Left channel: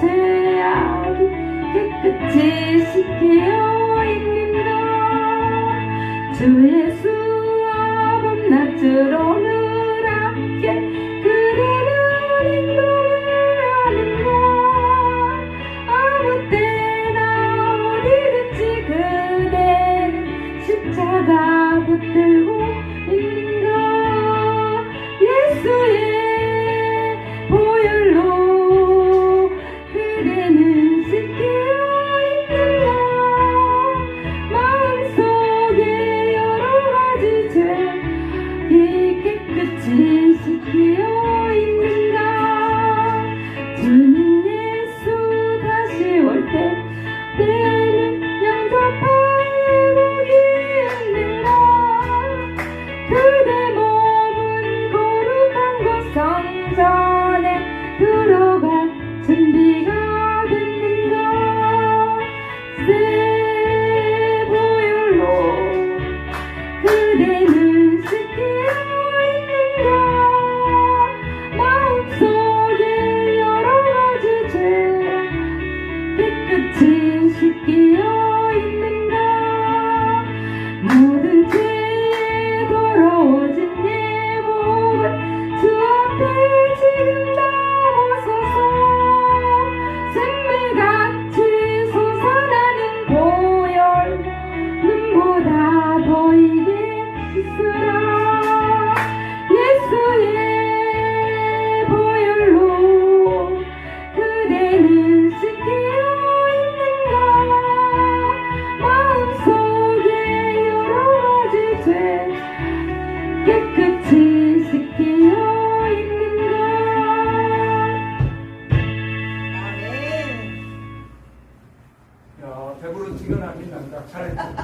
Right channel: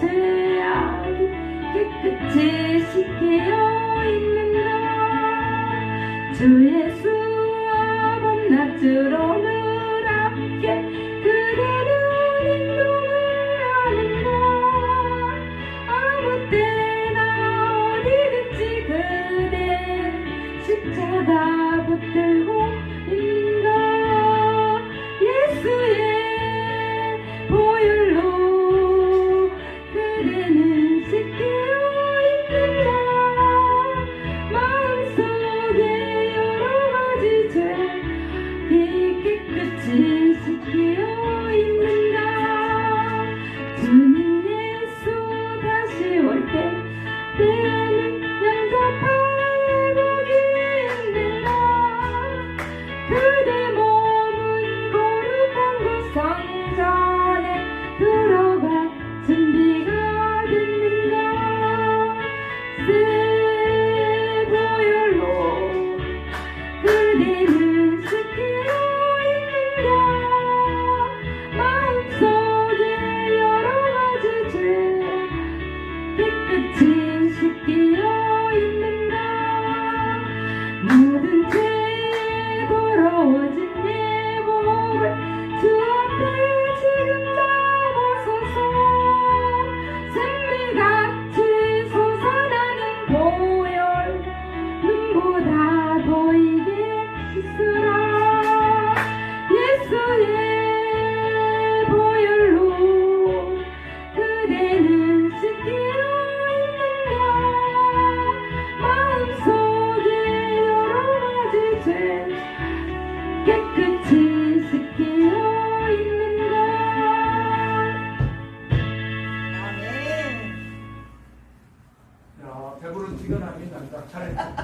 제 아기 깨끗이 씻겨 있는가 주 예수 밤낮으로 누랗게 그대를 인도하는가 아무 때나 어디든지 그대 십자가 붙들고 씻기어 있는가 주님 예수 다시 올때 때는 영접할 복이 있는가? 그대 몸은 거룩한 곳 성전에 들어갈 준비 그대는 스피어있는가? 마음속에 여러가지 죄 깨끗이 스피어있는가? 아멘. 야 대부분 지근함이 난다. 잘했다